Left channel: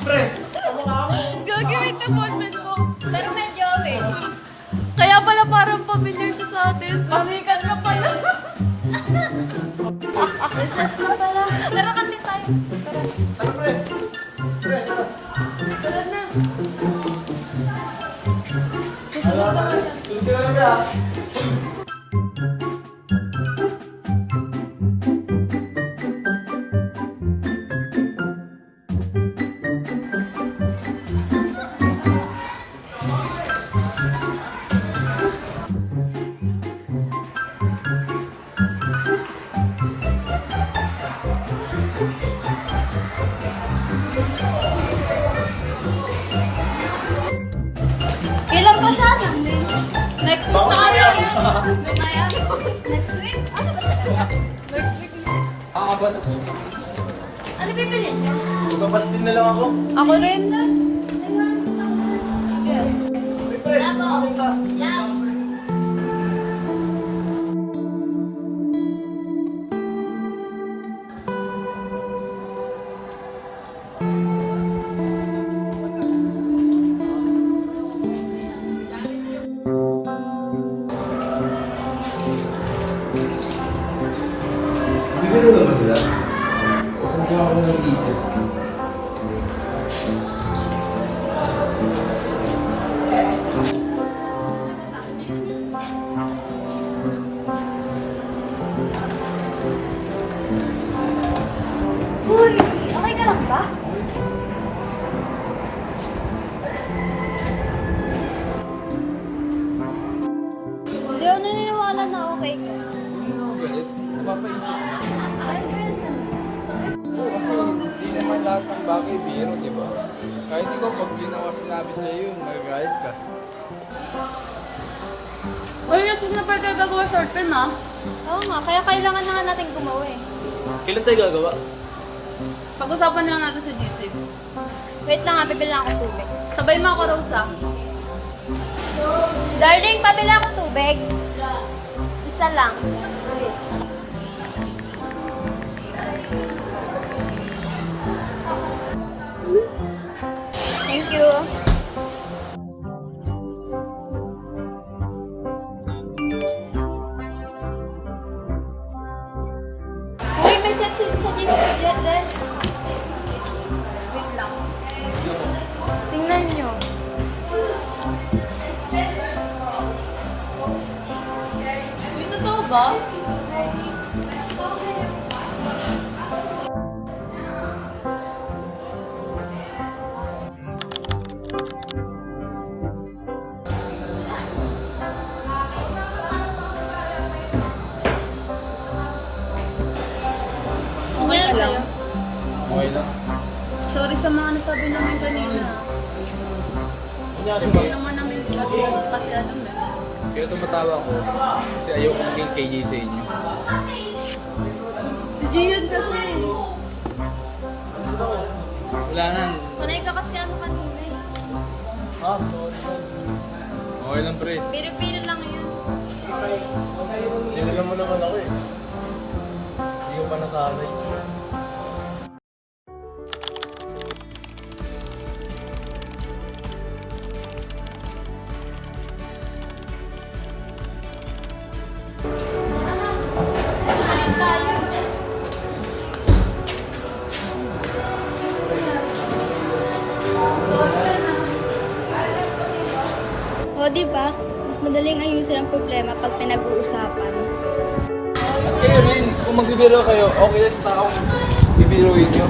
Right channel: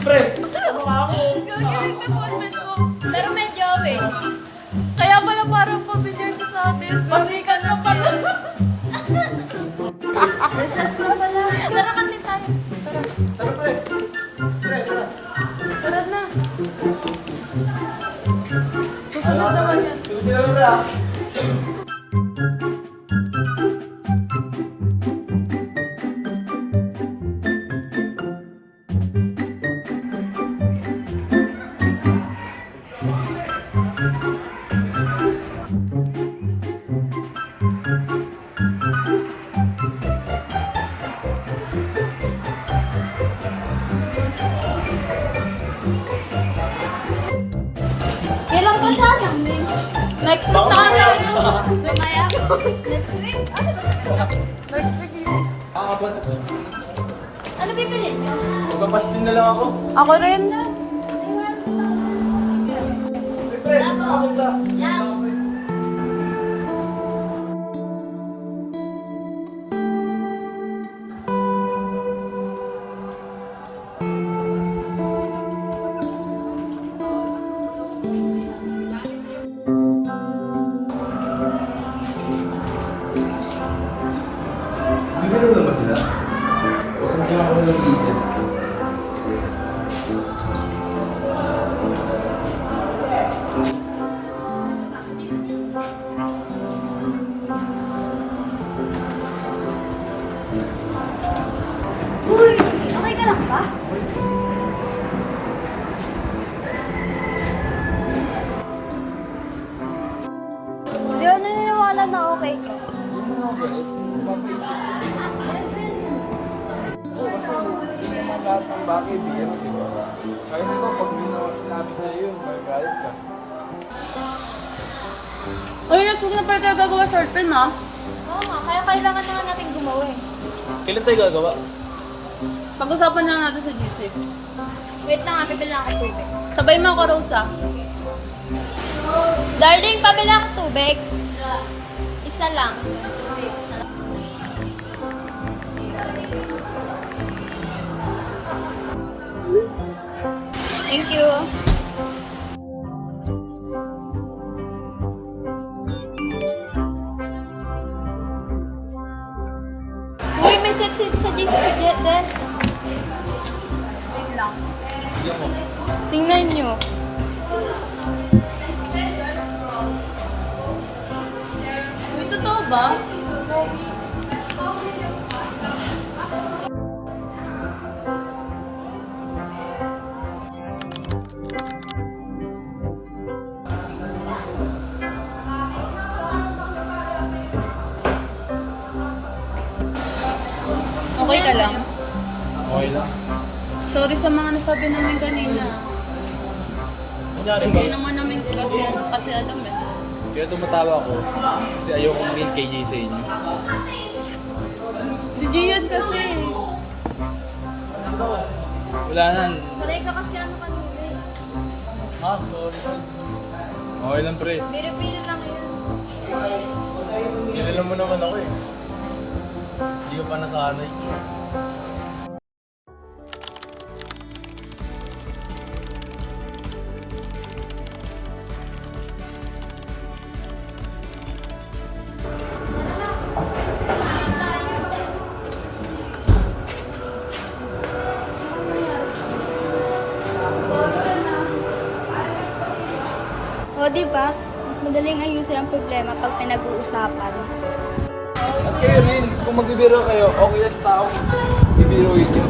Pre, ano nga mo? Gagawin na bonded mo. Pero medyo eh. Kaya pala parang familiar siya sa atin. Masika na pala. Recess na pala. Tara kami tayo. Ano pre? Pre, tara. Tara na. Susunod naman yan. Hindi na pre ah. Kailan pa sana? Next week na kaya yun. Lumaya? Next week? Ano ba ito? Next week yun. Kakabatas. Ano bibilin niyo? Magpapas din na lang ako. Ako rin. Pre, susunod ka. Bibiro na ba sila? O saan ko ako nag-iisip? Uy, okay ka lang ba? Hindi ako naniniwala na okay ka. Oo, kasi hindi naman lahat ng bagay biro, di ba? Kahit ikaw, pag sinabi sa'yo yun, magagalit ka. Uy, next week na pa tayo gagawa short film ha. Oo nga, kaya kailangan na natin gumawa eh. Kailan tayo gagawa? Pag-usapan na lang natin sa GC. Wait lang, pabili ako tubig. Sabay mo ako, Rosa. Darling, pabili ako tubig. Isa lang. Thank you. Uy, may chat sa dito sa Des. Wait lang. Tingnan nyo. Uy, totoo ba? Okay ka lang. Okay lang. Sorry sa mga nasabi naman kanina. Kunyari ba? Hindi naman namin kasi alam eh. Kaya tumatawa ko kasi ayaw kong maging KJ sa inyo. Si Gian kasi. Wala na. Malay ka kasi ano kanina eh. Ha? Sorry. Okay lang pre. Biro-biro lang yun. Kilala mo naman ako eh. Hindi ko pa nasanay. O, di ba? Mas madaling ayusin ang problema pag pinag-uusapan. At kayo rin, kung magbibiro kayo, okay sa taong bibiruin nyo.